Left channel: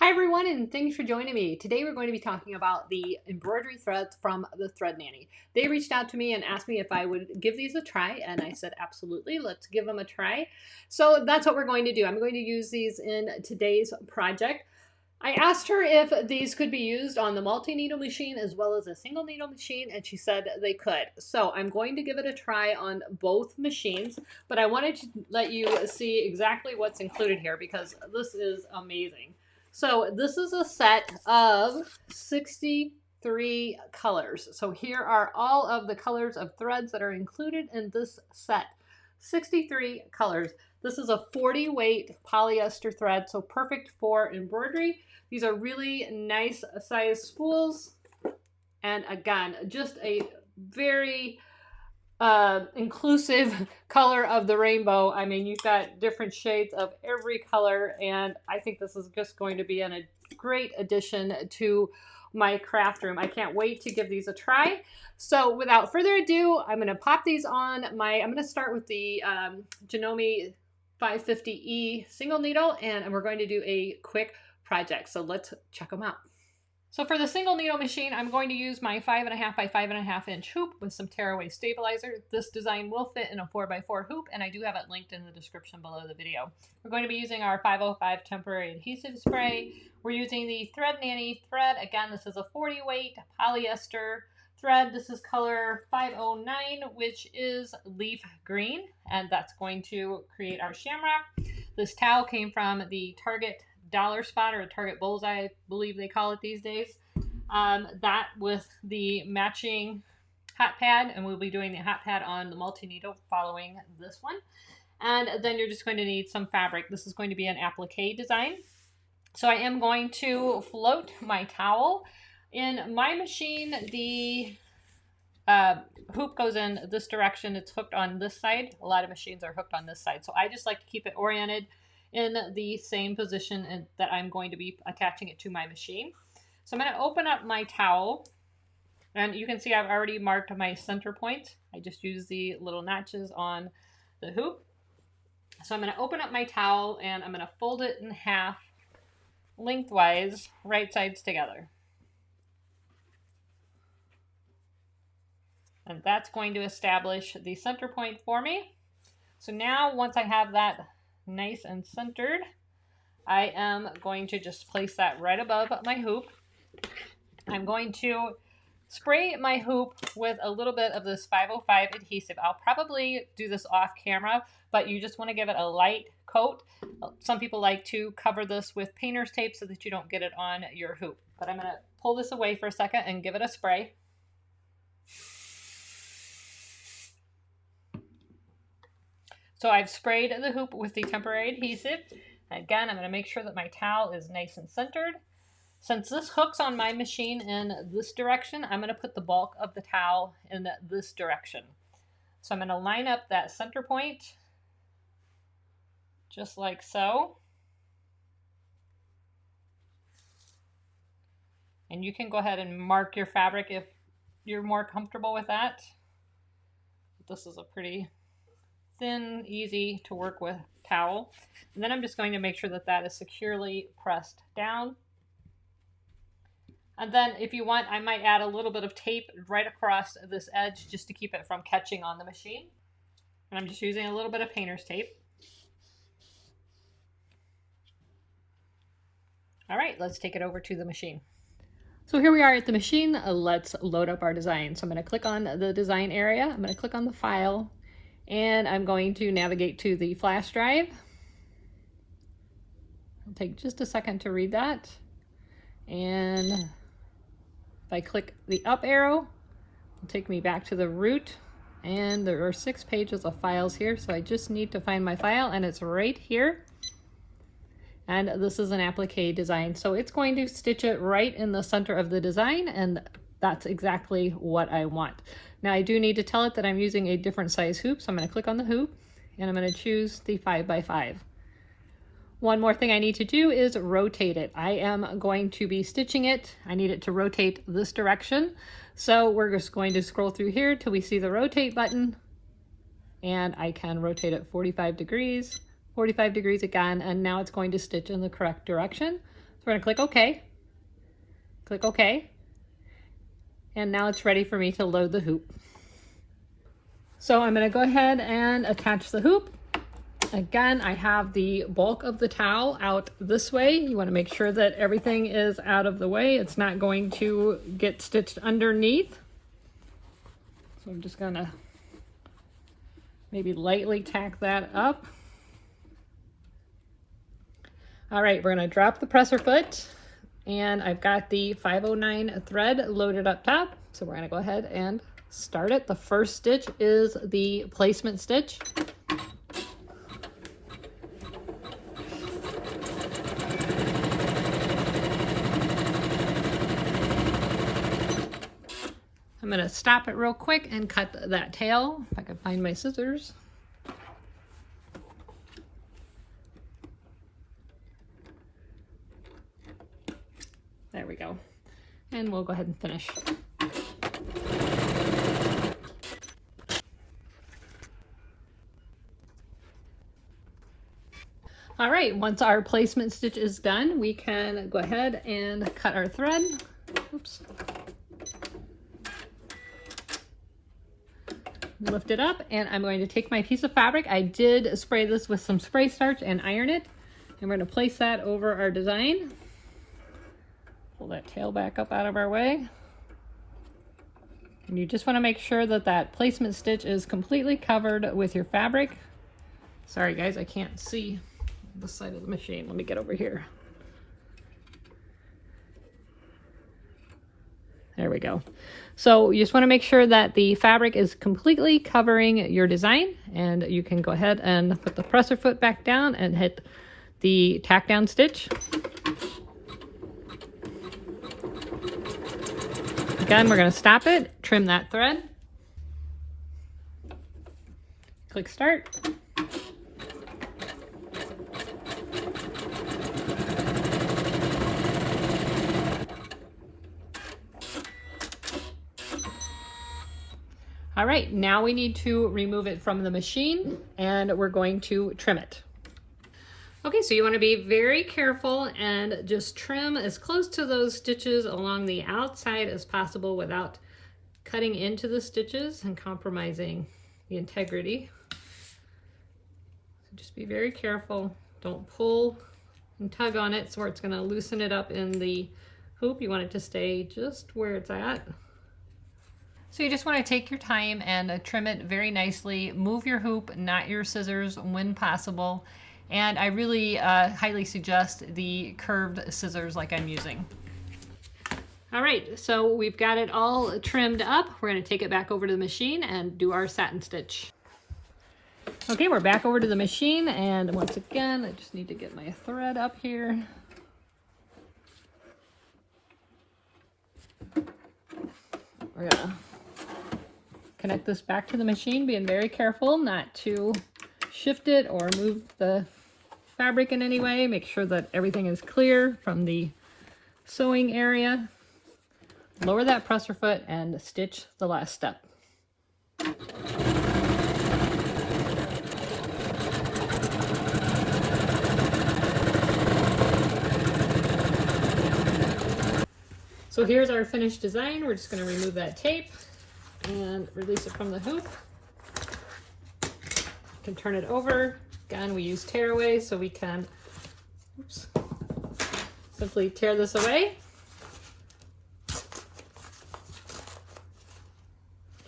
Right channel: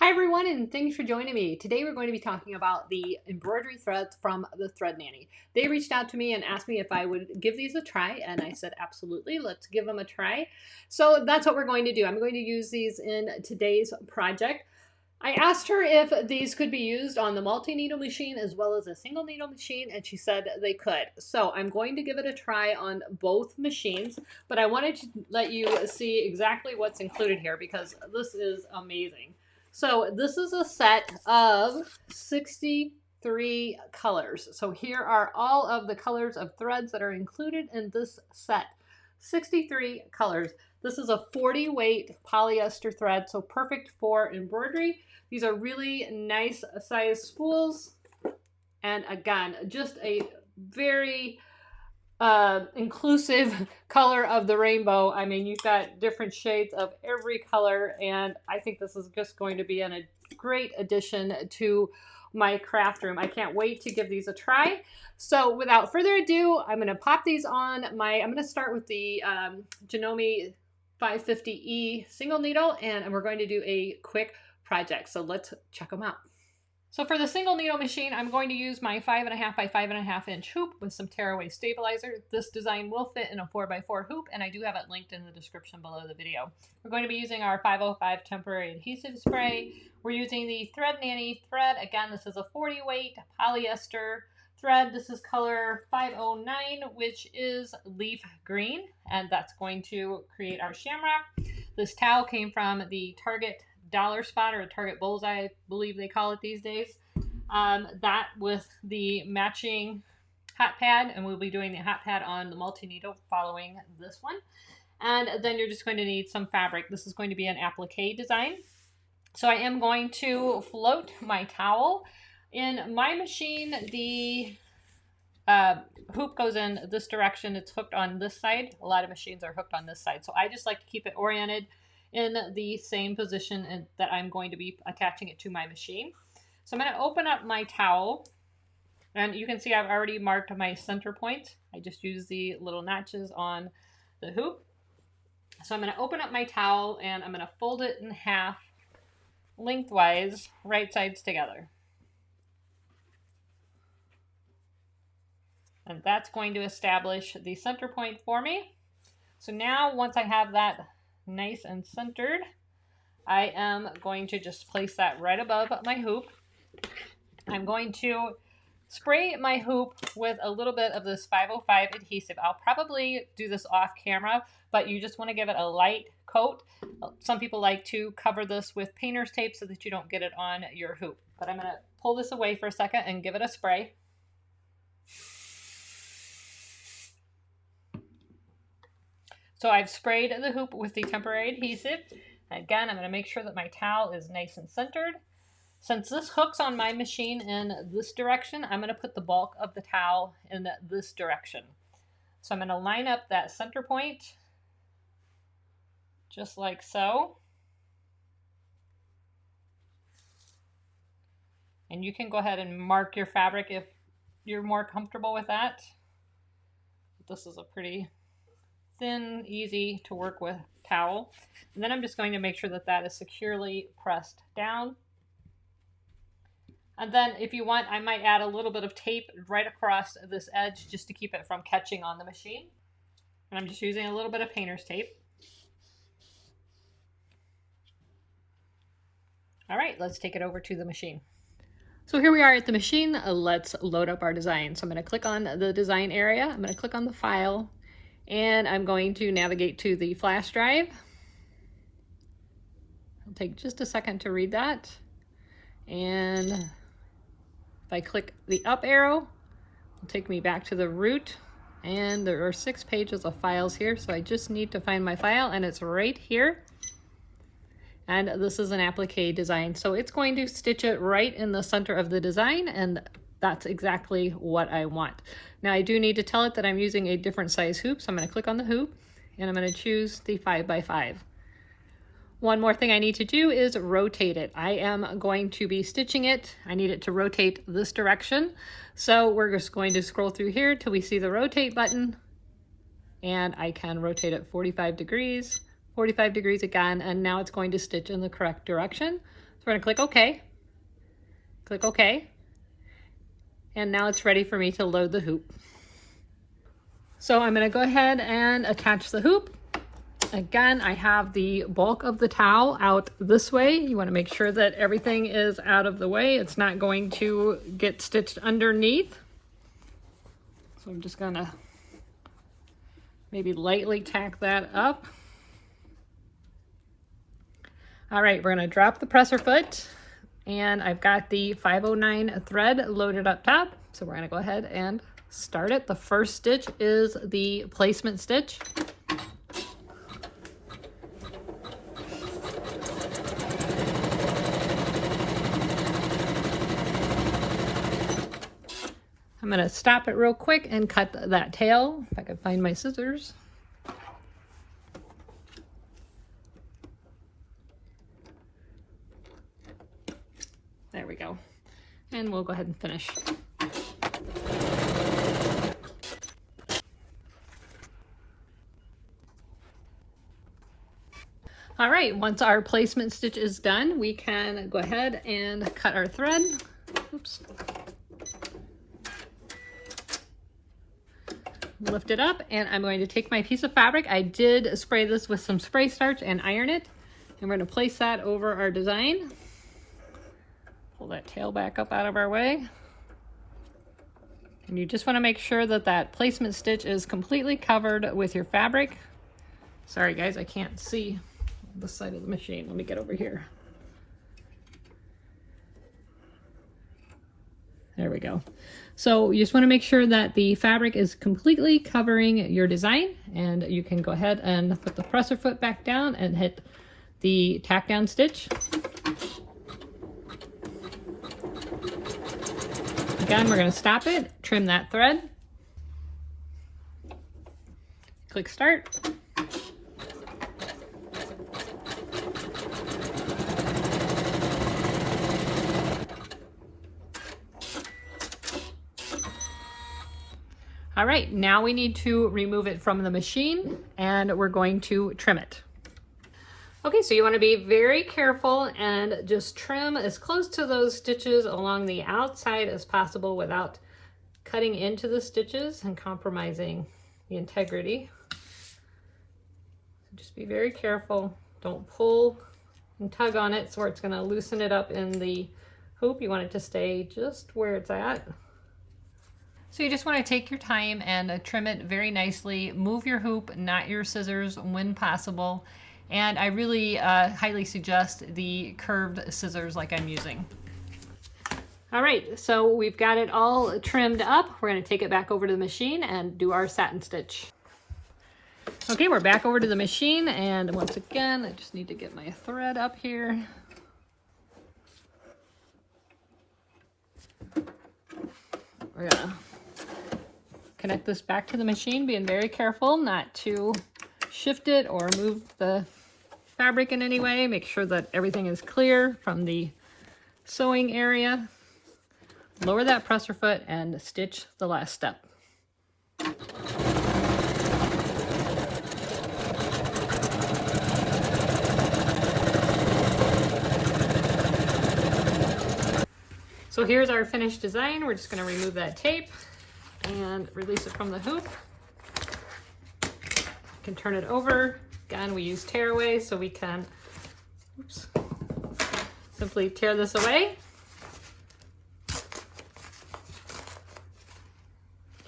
Hi everyone, and thanks for joining me. Today we're going to be talking about the embroidery threads from the Thread Nanny. They reached out to me and asked me if I would give these a try, and I said absolutely, let's give them a try. So that's what we're going to do. I'm going to use these in today's project. I asked her if these could be used on the multi-needle machine as well as a single needle machine, and she said they could. So I'm going to give it a try on both machines, but I wanted to let you see exactly what's included here because this is amazing. So this is a set of 63 colors. So here are all of the colors of threads that are included in this set. 63 colors. This is a 40 weight polyester thread, so perfect for embroidery. These are really nice size spools. And again, just a very inclusive color of the rainbow. I mean, you've got different shades of every color, and I think this is just going to be a great addition to my craft room. I can't wait to give these a try. So without further ado, I'm going to pop these on I'm going to start with the Janome 550E single needle, and we're going to do a quick project. So let's check them out. So for the single needle machine, I'm going to use my 5.5 by 5.5 inch hoop with some tearaway stabilizer. This design will fit in a 4x4 hoop, and I do have it linked in the description below the video. We're going to be using our 505 temporary adhesive spray. We're using the Thread Nanny thread. Again, this is a 40 weight polyester thread. This is color 509, which is leaf green, and that's going to create our shamrock. This towel came from the Target Dollar Spot or a Target Bullseye, I believe they call it these days. That with the matching hot pad, and we'll be doing the hot pad on the multi-needle following this one. And then you're just going to need some fabric. This is going to be an applique design. So I am going to float my towel. In my machine, the hoop goes in this direction. It's hooked on this side. A lot of machines are hooked on this side. So I just like to keep it oriented in the same position that I'm going to be attaching it to my machine. So I'm going to open up my towel, and you can see I've already marked my center point. I just use the little notches on the hoop. So I'm going to open up my towel, and I'm going to fold it in half lengthwise, right sides together. And that's going to establish the center point for me. So now once I have that nice and centered, I am going to just place that right above my hoop. I'm going to spray my hoop with a little bit of this 505 adhesive. I'll probably do this off camera, but you just want to give it a light coat. Some people like to cover this with painter's tape so that you don't get it on your hoop. But I'm going to pull this away for a second and give it a spray. So I've sprayed the hoop with the temporary adhesive. Again, I'm going to make sure that my towel is nice and centered. Since this hooks on my machine in this direction, I'm going to put the bulk of the towel in this direction. So I'm going to line up that center point, just like so. And you can go ahead and mark your fabric if you're more comfortable with that. This is a pretty thin, easy to work with towel. And then I'm just going to make sure that that is securely pressed down. And then if you want, I might add a little bit of tape right across this edge just to keep it from catching on the machine. And I'm just using a little bit of painter's tape. All right, let's take it over to the machine. So here we are at the machine. Let's load up our design. So I'm going to click on the design area. I'm going to click on the file, and I'm going to navigate to the flash drive. It'll take just a second to read that. And if I click the up arrow, it'll take me back to the root. And there are 6 pages of files here, so I just need to find my file, and it's right here. And this is an applique design, so it's going to stitch it right in the center of the design, and that's exactly what I want. Now I do need to tell it that I'm using a different size hoop, so I'm going to click on the hoop, and I'm going to choose the 5x5. One more thing I need to do is rotate it. I am going to be stitching it. I need it to rotate this direction. So we're just going to scroll through here till we see the rotate button, and I can rotate it 45 degrees again, and now it's going to stitch in the correct direction. So we're gonna click OK. Click OK. And now it's ready for me to load the hoop. So I'm gonna go ahead and attach the hoop. Again, I have the bulk of the towel out this way. You want to make sure that everything is out of the way. It's not going to get stitched underneath. So I'm just gonna maybe lightly tack that up. All right, we're gonna drop the presser foot, and I've got the 509 thread loaded up top. So we're gonna go ahead and start it. The first stitch is the placement stitch. I'm going to stop it real quick and cut that tail, if I can find my scissors. There we go. And we'll go ahead and finish. All right, once our placement stitch is done, we can go ahead and cut our thread. Oops. Lift it up, and I'm going to take my piece of fabric. I did spray this with some spray starch and iron it. And we're going to place that over our design. Pull that tail back up out of our way. And you just want to make sure that that placement stitch is completely covered with your fabric. Sorry guys, I can't see this side of the machine. Let me get over here. There we go. So you just want to make sure that the fabric is completely covering your design, and you can go ahead and put the presser foot back down and hit the tack down stitch. Again, we're going to stop it, trim that thread, click start. All right, now we need to remove it from the machine, and we're going to trim it. Okay, so you want to be very careful and just trim as close to those stitches along the outside as possible without cutting into the stitches and compromising the integrity. So just be very careful. Don't pull and tug on it so it's going to loosen it up in the hoop. You want it to stay just where it's at. So you just want to take your time and trim it very nicely. Move your hoop, not your scissors when possible. And I really highly suggest the curved scissors like I'm using. All right, so we've got it all trimmed up. We're going to take it back over to the machine and do our satin stitch. Okay, we're back over to the machine, and once again, I just need to get my thread up here. We're gonna connect this back to the machine, being very careful not to shift it or move the fabric in any way. Make sure that everything is clear from the sewing area. Lower that presser foot and stitch the last step. So here's our finished design. We're just going to remove that tape and release it from the hoop. You can turn it over. Again, we use tearaway, so we can simply tear this away.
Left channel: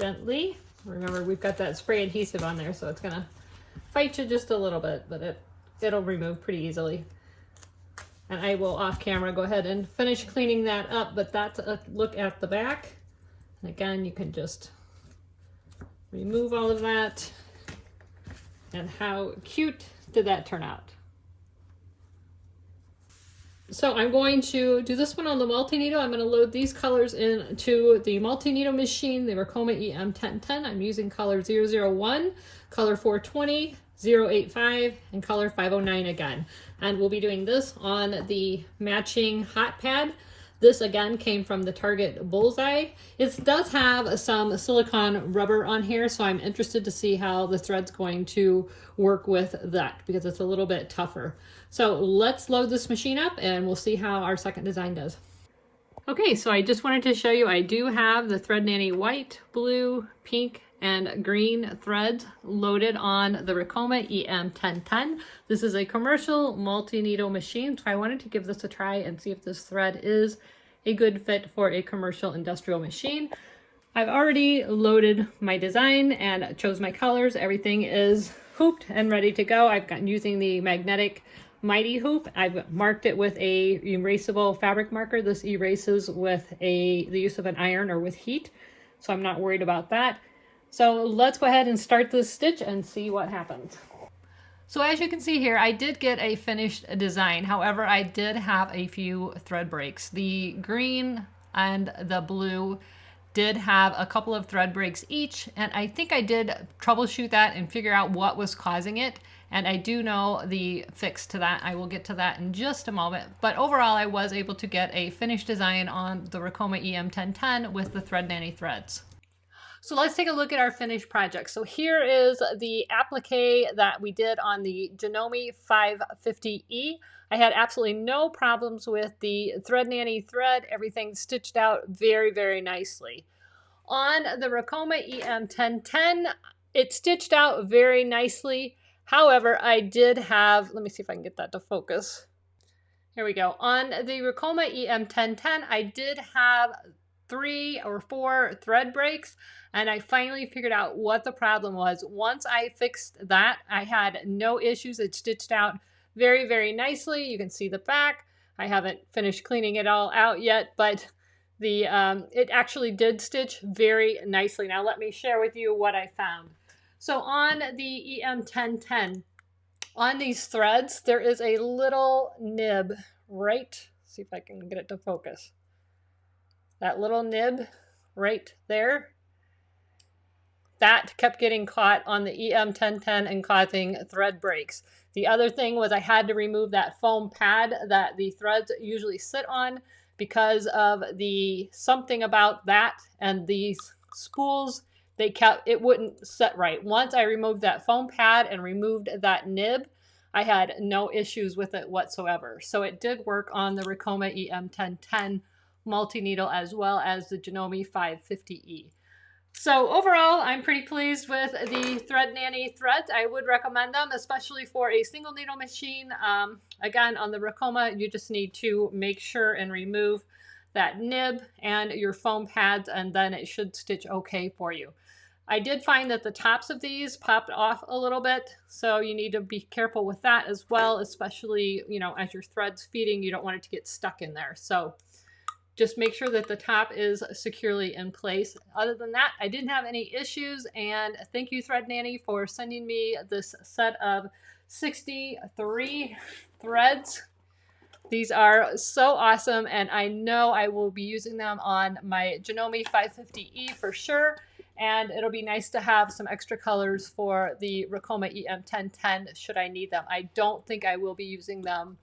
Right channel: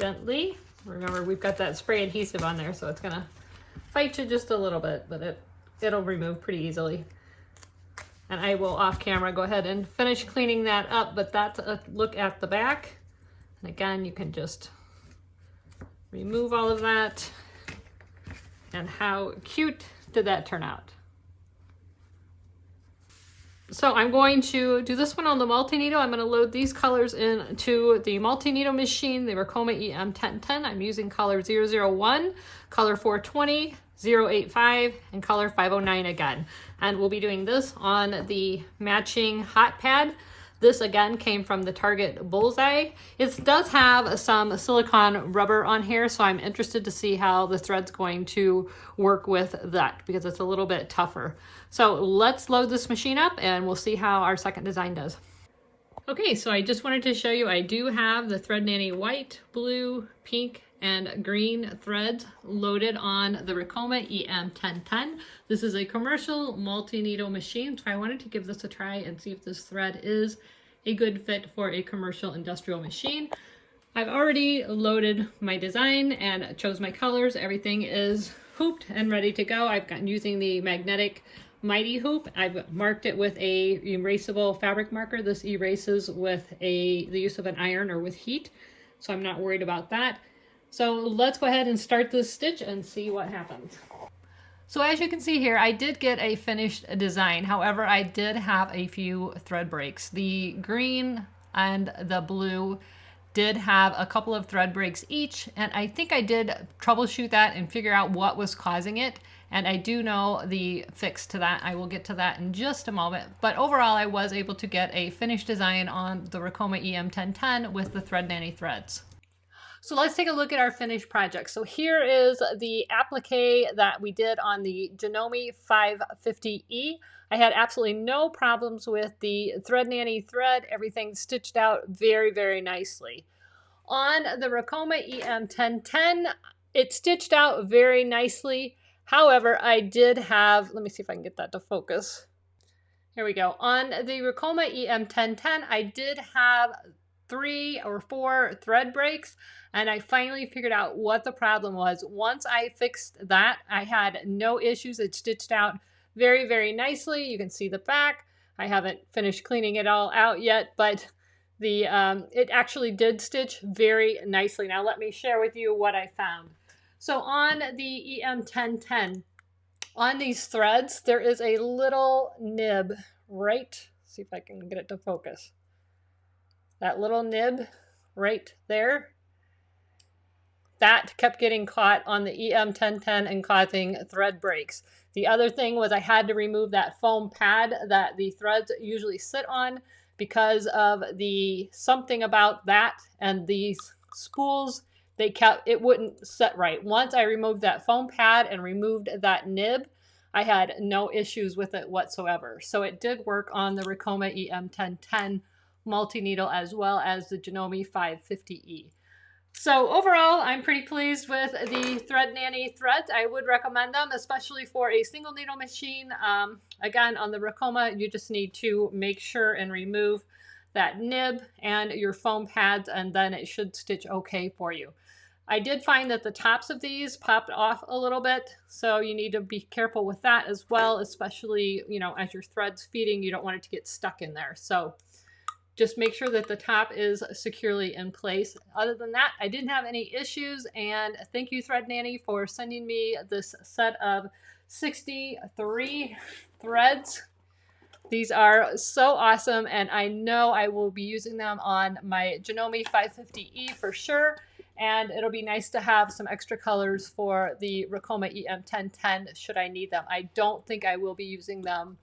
Gently. Remember, we've got that spray adhesive on there, so it's going to fight you just a little bit, but it'll remove pretty easily. And I will off camera go ahead and finish cleaning that up, but that's a look at the back. And again, you can just remove all of that. And how cute did that turn out? So I'm going to do this one on the multi-needle. I'm going to load these colors into the multi-needle machine, the Ricoma EM1010. I'm using color 001, color 420, 085, and color 509 again. And we'll be doing this on the matching hot pad. This again came from the Target Bullseye. It does have some silicone rubber on here, so I'm interested to see how the thread's going to work with that because it's a little bit tougher. So let's load this machine up and we'll see how our second design does. Okay, so I just wanted to show you I do have the Thread Nanny white, blue, pink, and green threads loaded on the Ricoma EM1010. This is a commercial multi-needle machine, so I wanted to give this a try and see if this thread is a good fit for a commercial industrial machine. I've already loaded my design and chose my colors. Everything is hooped and ready to go. I've gotten using the magnetic Mighty hoop. I've marked it with a erasable fabric marker. This erases with the use of an iron or with heat, so I'm not worried about that. So let's go ahead and start this stitch and see what happens. So as you can see here, I did get a finished design. However, I did have a few thread breaks. The green and the blue did have a couple of thread breaks each, and I think I did troubleshoot that and figure out what was causing it, and I do know the fix to that. I will get to that in just a moment, but overall I was able to get a finished design on the Ricoma EM1010 with the Thread Nanny threads. So let's take a look at our finished project. So here is the applique that we did on the Janome 550E. I had absolutely no problems with the Thread Nanny thread. Everything stitched out very, very nicely. On the Ricoma EM1010, it stitched out very nicely. However, I did have, let me see if I can get that to focus. Here we go. On the Ricoma EM1010, I did have 3 or 4 thread breaks, and I finally figured out what the problem was. Once I fixed that, I had no issues. It stitched out very, very nicely. You can see the back. I haven't finished cleaning it all out yet, but it actually did stitch very nicely. Now let me share with you what I found. So on the EM1010, on these threads, there is a little nib right, see if I can get it to focus. That little nib right there, that kept getting caught on the EM1010 and causing thread breaks. The other thing was I had to remove that foam pad that the threads usually sit on because of the something about that and these spools, it wouldn't set right. Once I removed that foam pad and removed that nib, I had no issues with it whatsoever. So it did work on the Ricoma EM1010 multi-needle as well as the Janome 550E. So overall, I'm pretty pleased with the Thread Nanny threads. I would recommend them, especially for a single needle machine. Again, on the Ricoma, you just need to make sure and remove that nib and your foam pads, and then it should stitch okay for you. I did find that the tops of these popped off a little bit, so you need to be careful with that as well, especially, you know, as your thread's feeding, you don't want it to get stuck in there. So just make sure that the top is securely in place. Other than that, I didn't have any issues, and thank you, Thread Nanny, for sending me this set of 63 threads. These are so awesome, and I know I will be using them on my Janome 550E for sure, and it'll be nice to have some extra colors for the Ricoma EM1010 should I need them. I don't think I will be using them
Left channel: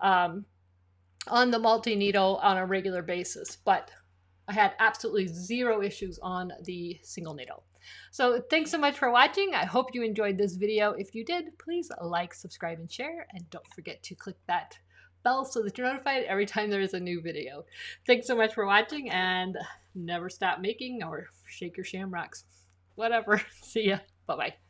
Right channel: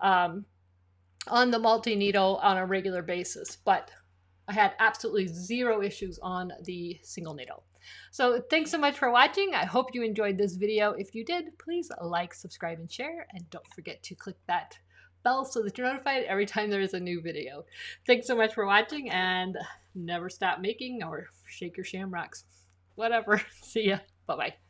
on the multi-needle on a regular basis, but I had absolutely zero issues on the single needle. So thanks so much for watching. I hope you enjoyed this video. If you did, please like, subscribe, and share, and don't forget to click that bell so that you're notified every time there is a new video. Thanks so much for watching, and never stop making or shake your shamrocks. Whatever. See ya. Bye-bye.